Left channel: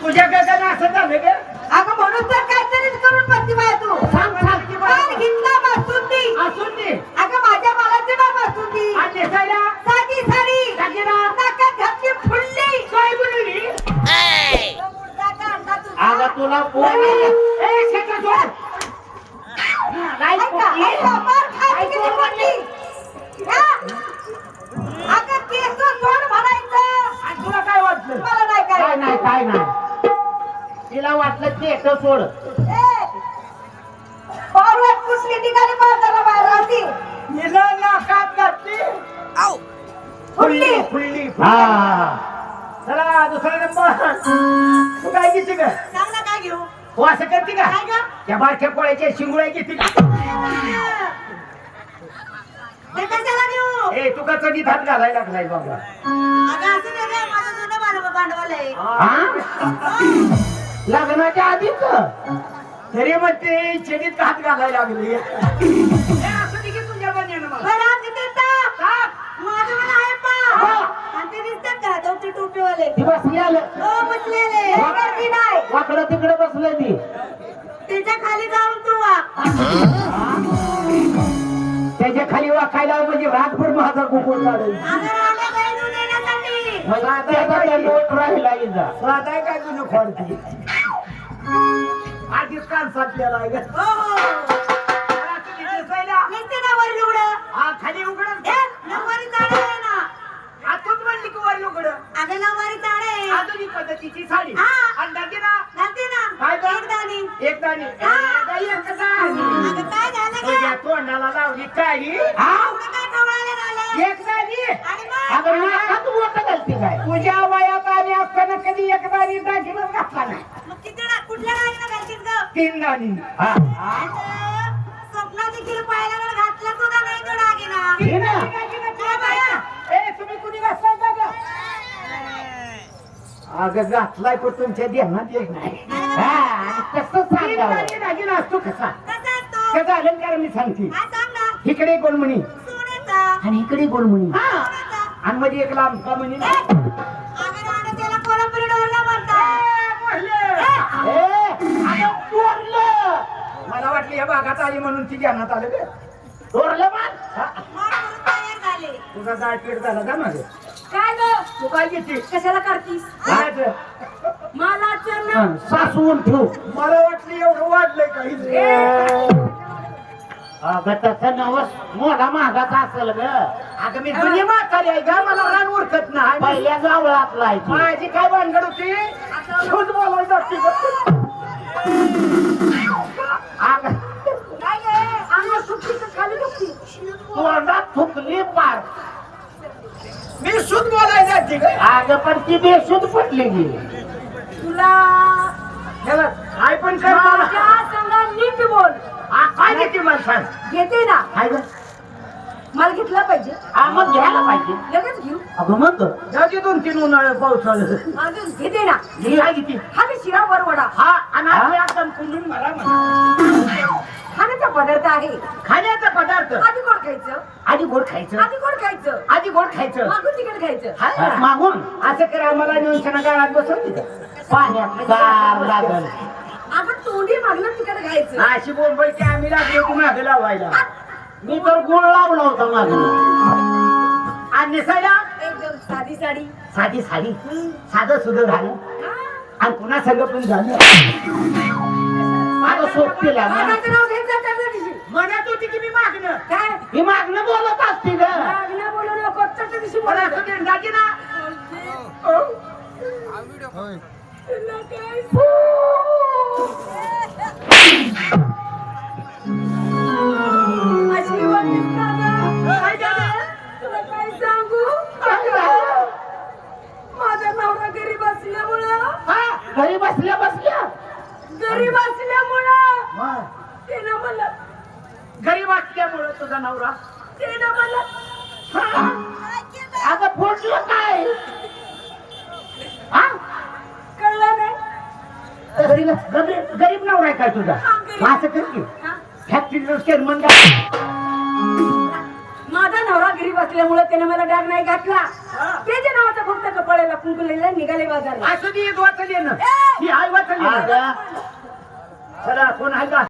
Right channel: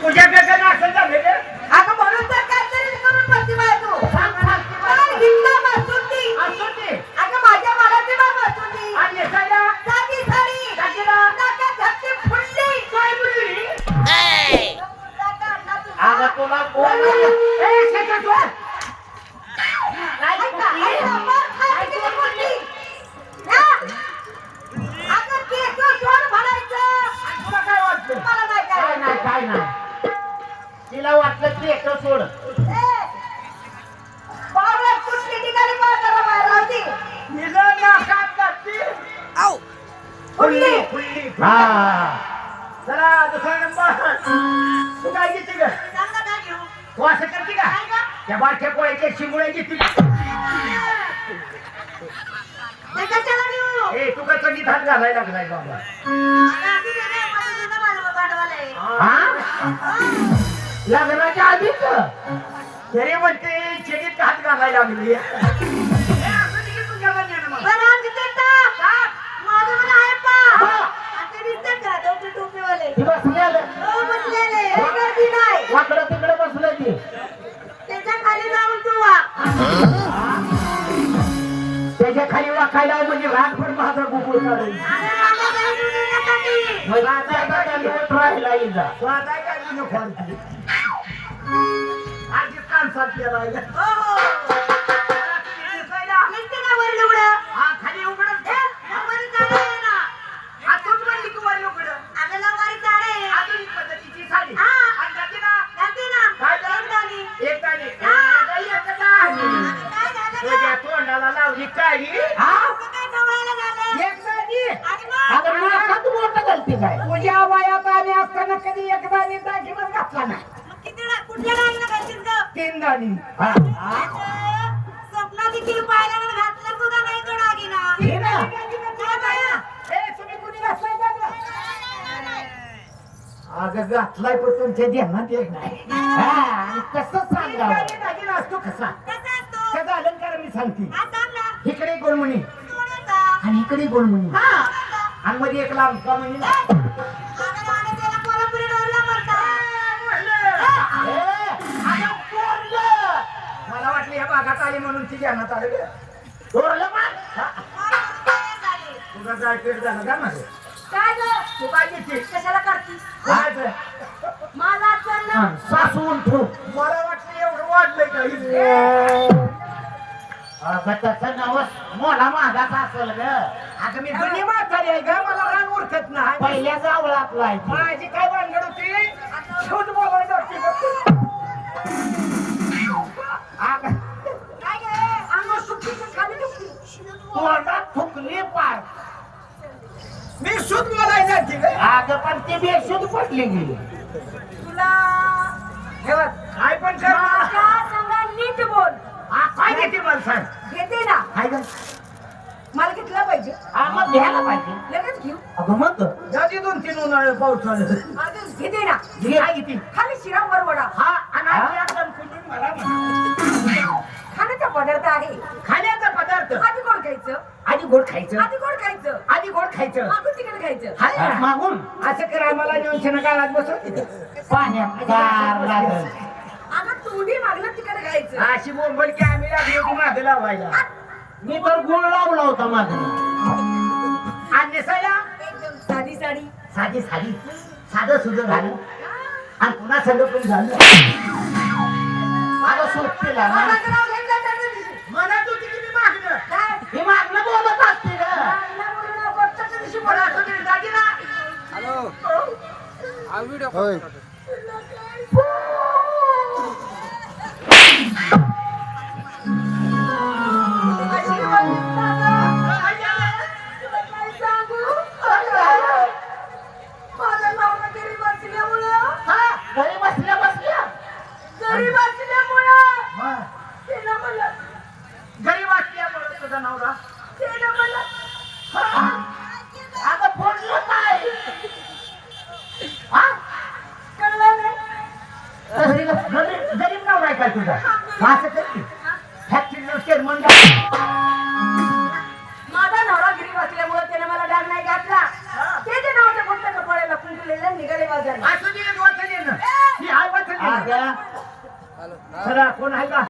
तुझ्या गगन असं झालं का अगं म्हणून तर काहीतरी करून बसती बाय तू. सांग सांग ती पण बाई. घेतला बासुंदी असून दे. अगं माझ्या बाळाची बाय बासुंदी आणि नेसायला? साधी साडी टाकीला नाकात घातली फुडली. काय बोलली? मुलगाचा अंडा तुझा. अगं तुला कोण ए, शेतात बोलली? ऐका, मार खायची किती पडली? हा? अगं केस सोड म्हणायचं. आणि तुला काय वाटलं मला नाही काय काय. नाही काय नाही की एकटं सोड ए, बावळट कुठली ठिकाणी म्हातारा बाहेर होती. नाकात. फुल्ली हा. चला दुसरा नंबर. तू काय घेते का? सांग ना काय घेऊ? तू असं करते का? काय गं? त्या बारक्या पोळ्याच्या शिंगुळ्या घेते का? ते कशाला घेऊ? ए तू का चढी धान घालायला लागलाय बाबा? अगं, असं नाही गं, माझं जुनं माझं भांडवल आहे. हा. लग्नाच्या आधीच तरी म्हणते चडीत हात घालायला लागले असं नाही की तुझ्या कन्यानं मला. ते ते. ती बसलेलं हो, बसलेले. गर्दी नाही. वाकडं तिकडे बसलं ती त्याच्याखाली जाऊन तू वाक. त्याच्याखाली वाकायला म्हणजे रागभर माझा. मग काही मोठ राहिला इजा कान आहे. हो, हो. ना वर. हा, खाली उघडून ए, नऊवारी साडी आहे ना. आतून म्हणली की वर उघड अगं, नऊवारी साडी आहे. आधुनिक पद्धतीची साडी हा. आणि दागिना घालते ना. काय तर? एक दाणी. एक दाणी आहे. अगं, काय झालं गं? तुझ्या तोंडाला लावली काळी हा एवढं काय ढवळायला झालं? एक दाणी आणि मग? अगं नाकात बोटं घालते काय तुझ्या वयात आम्ही असताना कधी एक दाणी दागिनाच घातला नाही मग डा- कुठल्या? तीन दाणी हा अगं, स्वप्नात देखील पाहिल्यावर घातलं सुद्धा नाही तो दागिना. ना काय बाया? ए तुम्ही कुणी घातलाय का गं? अगं घातलाय पण तुमच्या ध्यानात येत नाही हा आणि कसं सांगावं दागिना असतो कसा? त्याचा अलंकार मी सांगते सांग ना. इकडे गोलमणी. आणि इकडे गोलमणी हा. आणि मध्ये एक लांब का म्हणी आली म्हणून ती ज्ञानात आलं गं. थोरलं मान मार म्हणून तयार झाले. तुझा जाकीट झाला का माझं काय गं? तू काय घेते कशाला करतीस? मला चल ना. हा, सासवून ठेव मला वाटलं एवढं वाढलंय काही अगं तसं नवस मोठा महागाचा असेल ग आता मी जुनी म्हातारी आहे का मला रान ओळखत नाही पहिल्या जावळ आपला आहे ती. माझी काय भानगड होती शोध बोलायला लागते का? अगं, काय गं? अंगावर सुट्टी का खाली दुखती? तोंडात थुकली पार मी शुद्ध बोलायला जाते अगं पण ती बेशुद्ध पडली गेली तुला हे बघ काय पण कर मला माझ्या संग नीट बोल. हा, काय घेते मला सांग. घेते ना. काय ग मला घेतला पाहिजे. हा मग घ्यायला पाहिजे. लगेच घेऊ. अगं मग? जाती दोन तीन उन्हाळे पाऊस आलं घेते ना. मी काय घेते हा मी शिरावर वडा हा आणि हा? आपल्या दणकुंडून मला म्हण. खाण्याचा पदार्थ आहे. खाण्याचा पदार्थ? आधी गोड खायचं? आधी गोड खायचं. आधी गोड खायचं? आधी गोड खायचं. मागून तिकडे खायचं. हा? मागून. असं करा मला नेऊन काळात बसवते का पाण्यात गार लागल. अगं तोंडी मागणं तिकडे खायचं. अशी बोंबल की आम्ही लागलो की मागे लावायला. मी तर गुळ लावला होता मागून आणि नेसायला? एकदम साधी साडी. साधी साडी. साधं सुद्धा झालं. हा. आणि पुन्हा सगळं पण झालं मला सोबती लागला मागाचं नाव घेत जा त्या दिवशी. म्हणत होती की मी मागणं? काय? ही मागणं बोलत असते ग. मागणं नको, दिवशी दागिना अशी तुझा नवरा. अगं फोडलं काय? हा? कळलं नाही? गरीब नवरा आहे काय तुझा? मग असं कर की? फॅक्टरी चेअरमन माझा नवरा गरीब असल्यामुळं त्याने मला डाग नाही घातला. ते जे नावाचं फक्त कपाळाला कुंकुलेलं निघाले बाजारला असं दे वाटत येणं. ए, आता चला कोण आहे का?